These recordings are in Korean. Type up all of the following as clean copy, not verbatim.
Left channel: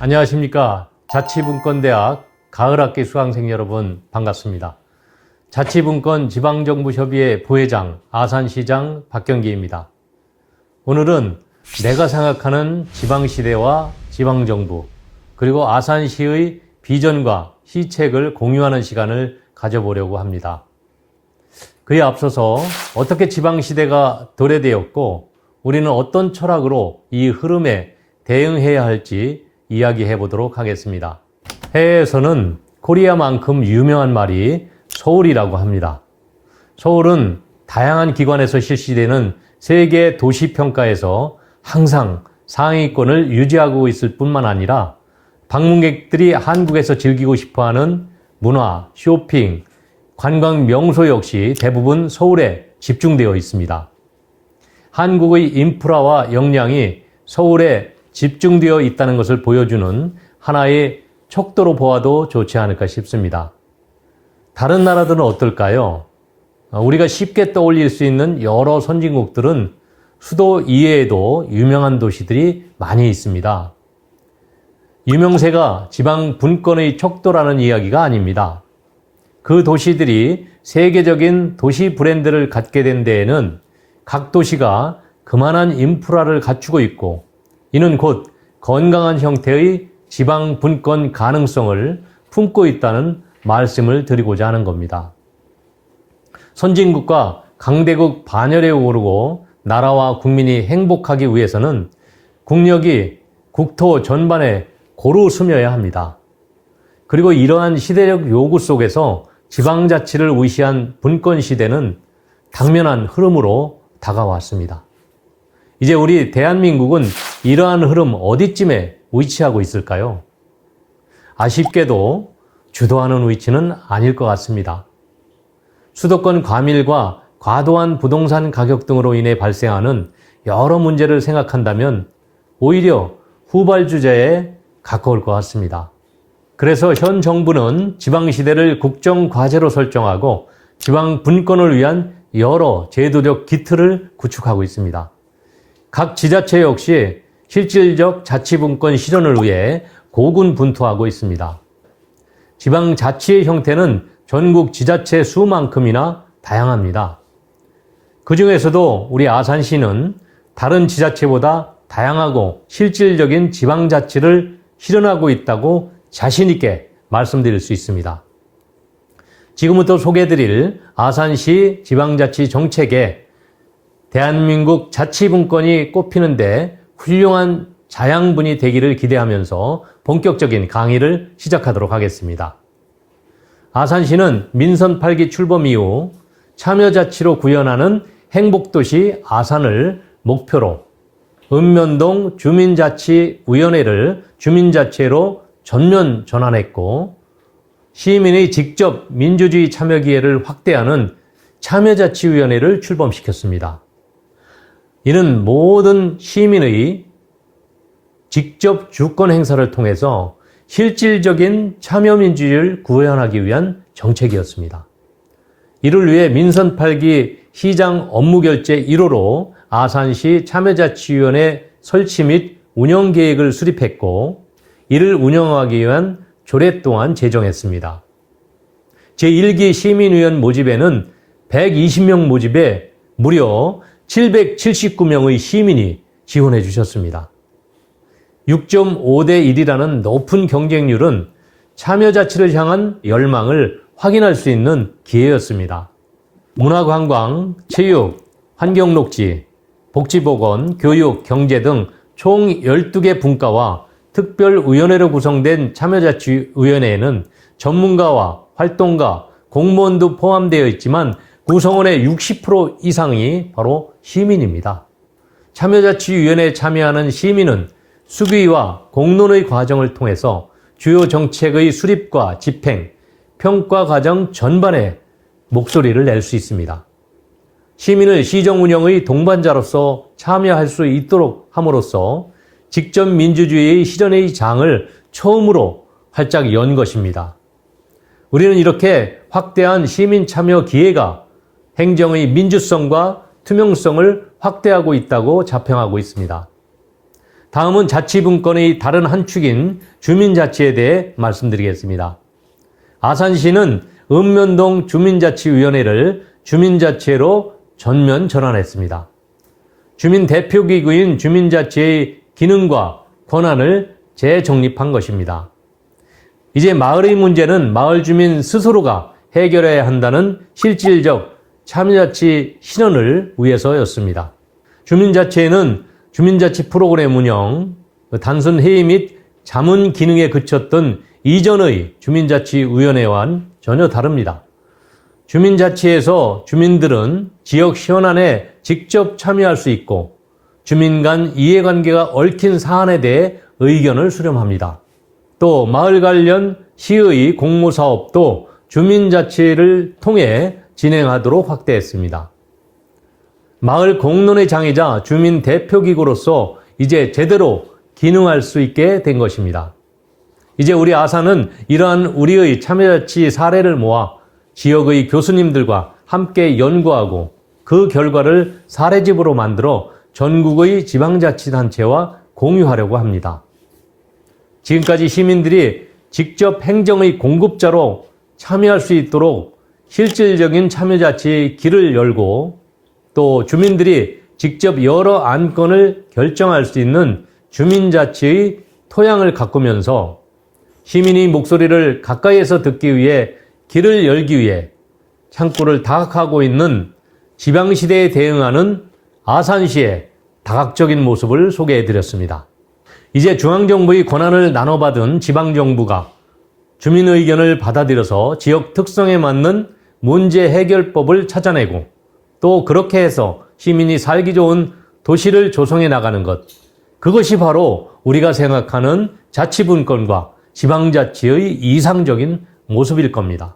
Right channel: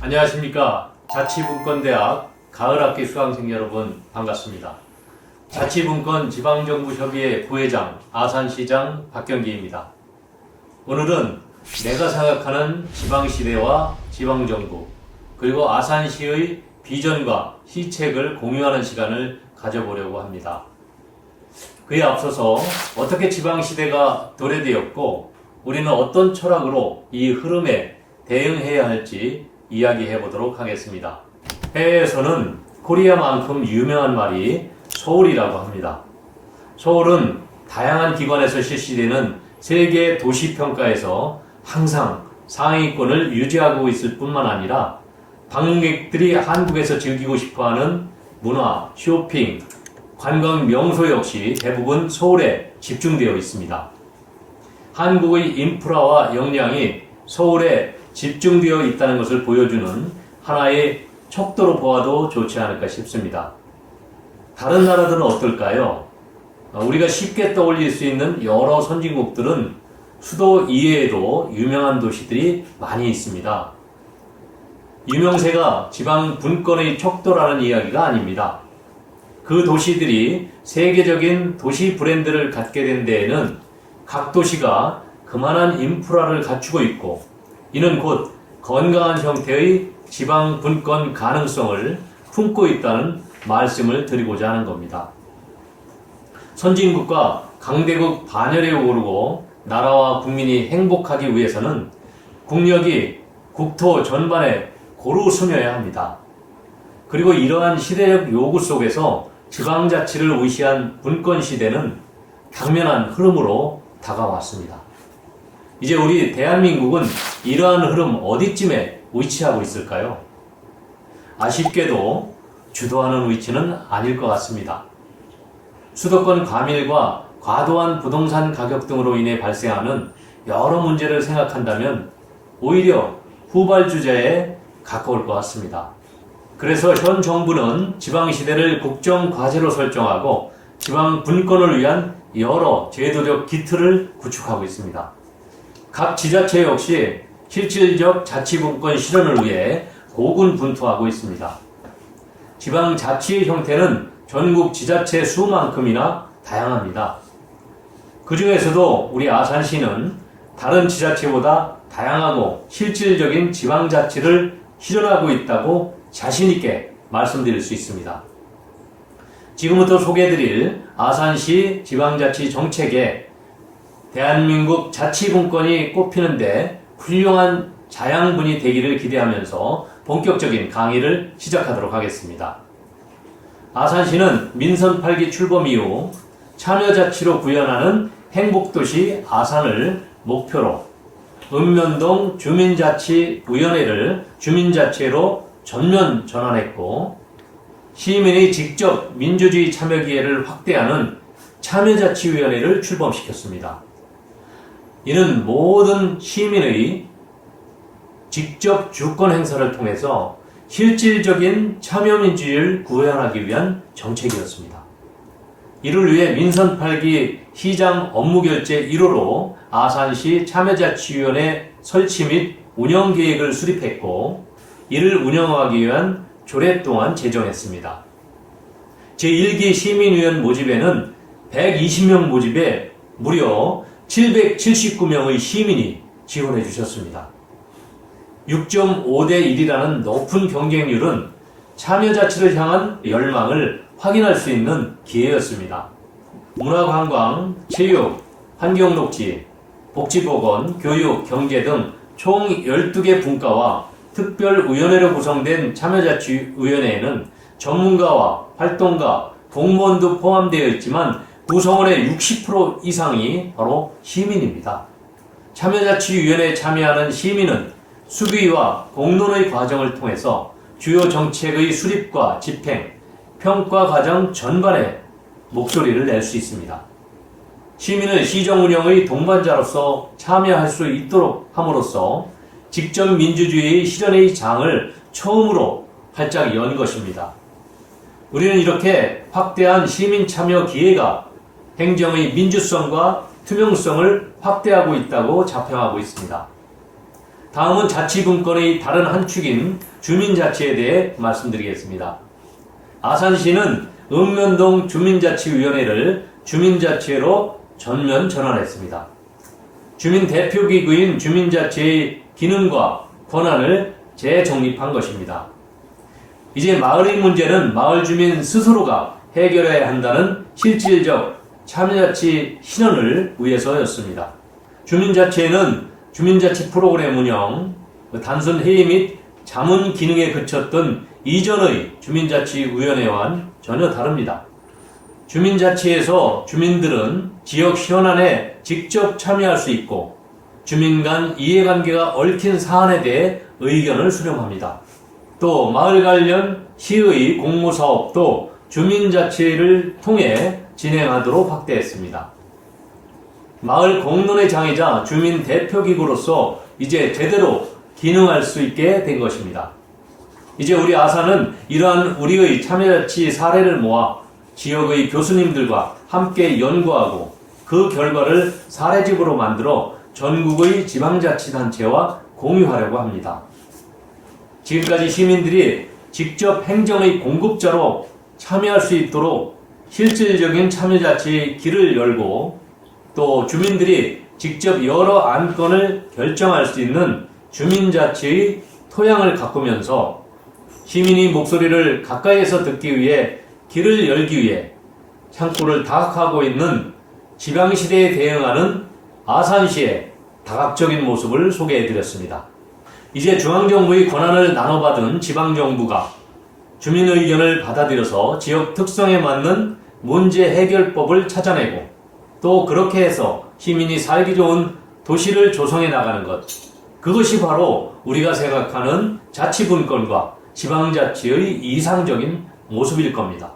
안녕하십니까. 자치분권대학 가을학기 수강생 여러분 반갑습니다. 자치분권 지방정부협의회 부회장 아산시장 박경기입니다. 오늘은 내가 생각하는 지방시대와 지방정부 그리고 아산시의 비전과 시책을 공유하는 시간을 가져보려고 합니다. 그에 앞서서 어떻게 지방시대가 도래되었고 우리는 어떤 철학으로 이 흐름에 대응해야 할지 이야기해 보도록 하겠습니다. 해외에서는 코리아만큼 유명한 말이 서울이라고 합니다. 서울은 다양한 기관에서 실시되는 세계 도시평가에서 항상 상위권을 유지하고 있을 뿐만 아니라 방문객들이 한국에서 즐기고 싶어하는 문화, 쇼핑, 관광 명소 역시 대부분 서울에 집중되어 있습니다. 한국의 인프라와 역량이 서울에 집중되어 있다는 것을 보여주는 하나의 척도로 보아도 좋지 않을까 싶습니다. 다른 나라들은 어떨까요? 우리가 쉽게 떠올릴 수 있는 여러 선진국들은 수도 이외에도 유명한 도시들이 많이 있습니다. 유명세가 지방 분권의 척도라는 이야기가 아닙니다. 그 도시들이 세계적인 도시 브랜드를 갖게 된 데에는 각 도시가 그만한 인프라를 갖추고 있고 이는 곧 건강한 형태의 지방 분권 가능성을 품고 있다는 말씀을 드리고자 하는 겁니다. 선진국과 강대국 반열에 오르고 나라와 국민이 행복하기 위해서는 국력이 국토 전반에 고루 스며야 합니다. 그리고 이러한 시대적 요구 속에서 지방자치를 의시한 분권 시대는 당면한 흐름으로 다가왔습니다. 이제 우리 대한민국은 이러한 흐름 어디쯤에 위치하고 있을까요? 아쉽게도 주도하는 위치는 아닐 것 같습니다. 수도권 과밀과 과도한 부동산 가격 등으로 인해 발생하는 여러 문제를 생각한다면 오히려 후발주자에 가까울 것 같습니다. 그래서 현 정부는 지방시대를 국정과제로 설정하고 지방 분권을 위한 여러 제도적 기틀을 구축하고 있습니다. 각 지자체 역시 실질적 자치분권 실현을 위해 고군분투하고 있습니다. 지방자치의 형태는 전국 지자체 수만큼이나 다양합니다. 그 중에서도 우리 아산시는 다른 지자체보다 다양하고 실질적인 지방자치를 실현하고 있다고 자신있게 말씀드릴 수 있습니다. 지금부터 소개해드릴 아산시 지방자치 정책에 대한민국 자치분권이 꼽히는데 훌륭한 자양분이 되기를 기대하면서 본격적인 강의를 시작하도록 하겠습니다. 아산시는 민선 8기 출범 이후 참여자치로 구현하는 행복도시 아산을 목표로 읍면동 주민자치위원회를 주민자치로 전면 전환했고 시민의 직접 민주주의 참여 기회를 확대하는 참여자치위원회를 출범시켰습니다. 이는 모든 시민의 직접 주권 행사를 통해서 실질적인 참여민주주의를 구현하기 위한 정책이었습니다. 이를 위해 민선 8기 시장 업무결제 1호로 아산시 참여자치위원회 설치 및 운영계획을 수립했고 이를 운영하기 위한 조례 또한 제정했습니다. 제1기 시민의원 모집에는 120명 모집에 무려 779명의 시민이 지원해 주셨습니다. 6.5대 1이라는 높은 경쟁률은 참여자치를 향한 열망을 확인할 수 있는 기회였습니다. 문화관광, 체육, 환경녹지, 복지보건, 교육, 경제 등 총 12개 분과와 특별위원회로 구성된 참여자치위원회에는 전문가와 활동가, 공무원도 포함되어 있지만 구성원의 60% 이상이 바로 시민입니다. 참여자치위원회에 참여하는 시민은 수기와 공론의 과정을 통해서 주요 정책의 수립과 집행, 평가 과정 전반에 목소리를 낼 수 있습니다. 시민을 시정 운영의 동반자로서 참여할 수 있도록 함으로써 직접 민주주의의 실현의 장을 처음으로 활짝 연 것입니다. 우리는 이렇게 확대한 시민 참여 기회가 행정의 민주성과 투명성을 확대하고 있다고 자평하고 있습니다. 다음은 자치분권의 다른 한 축인 주민자치에 대해 말씀드리겠습니다. 아산시는 읍면동 주민자치위원회를 주민자치회로 전면 전환했습니다. 주민대표기구인 주민자치의 기능과 권한을 재정립한 것입니다. 이제 마을의 문제는 마을 주민 스스로가 해결해야 한다는 실질적 참여자치 실현을 위해서였습니다. 주민자치회는 주민자치 프로그램 운영, 단순 회의 및 자문 기능에 그쳤던 이전의 주민자치위원회와는 전혀 다릅니다. 주민자치에서 주민들은 지역 현안에 직접 참여할 수 있고 주민 간 이해관계가 얽힌 사안에 대해 의견을 수렴합니다. 또 마을 관련 시의 공모사업도 주민자치를 통해 진행하도록 확대했습니다. 마을 공론의 장이자 주민대표기구로서 이제 제대로 기능할 수 있게 된 것입니다. 이제 우리 아산은 이러한 우리의 참여자치 사례를 모아 지역의 교수님들과 함께 연구하고 그 결과를 사례집으로 만들어 전국의 지방자치단체와 공유하려고 합니다. 지금까지 시민들이 직접 행정의 공급자로 참여할 수 있도록 실질적인 참여자치의 길을 열고 또 주민들이 직접 여러 안건을 결정할 수 있는 주민자치의 토양을 가꾸면서 시민의 목소리를 가까이에서 듣기 위해 길을 열기 위해 창구를 다각하고 있는 지방시대에 대응하는 아산시의 다각적인 모습을 소개해드렸습니다. 이제 중앙정부의 권한을 나눠받은 지방정부가 주민 의견을 받아들여서 지역 특성에 맞는 문제 해결법을 찾아내고 또 그렇게 해서 시민이 살기 좋은 도시를 조성해 나가는 것, 그것이 바로 우리가 생각하는 자치분권과 지방자치의 이상적인 모습일 겁니다.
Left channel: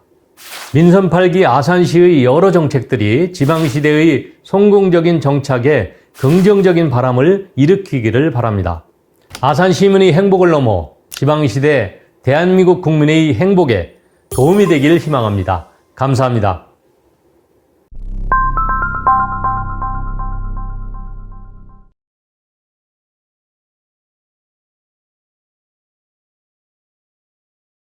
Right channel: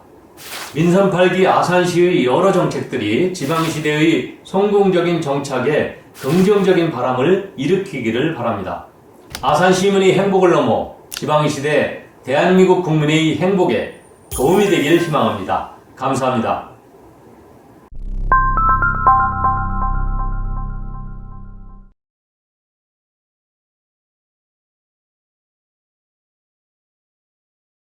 민선 8기 아산시의 여러 정책들이 지방시대의 성공적인 정착에 긍정적인 바람을 일으키기를 바랍니다. 아산 시민의 행복을 넘어 지방시대 대한민국 국민의 행복에 도움이 되기를 희망합니다. 감사합니다.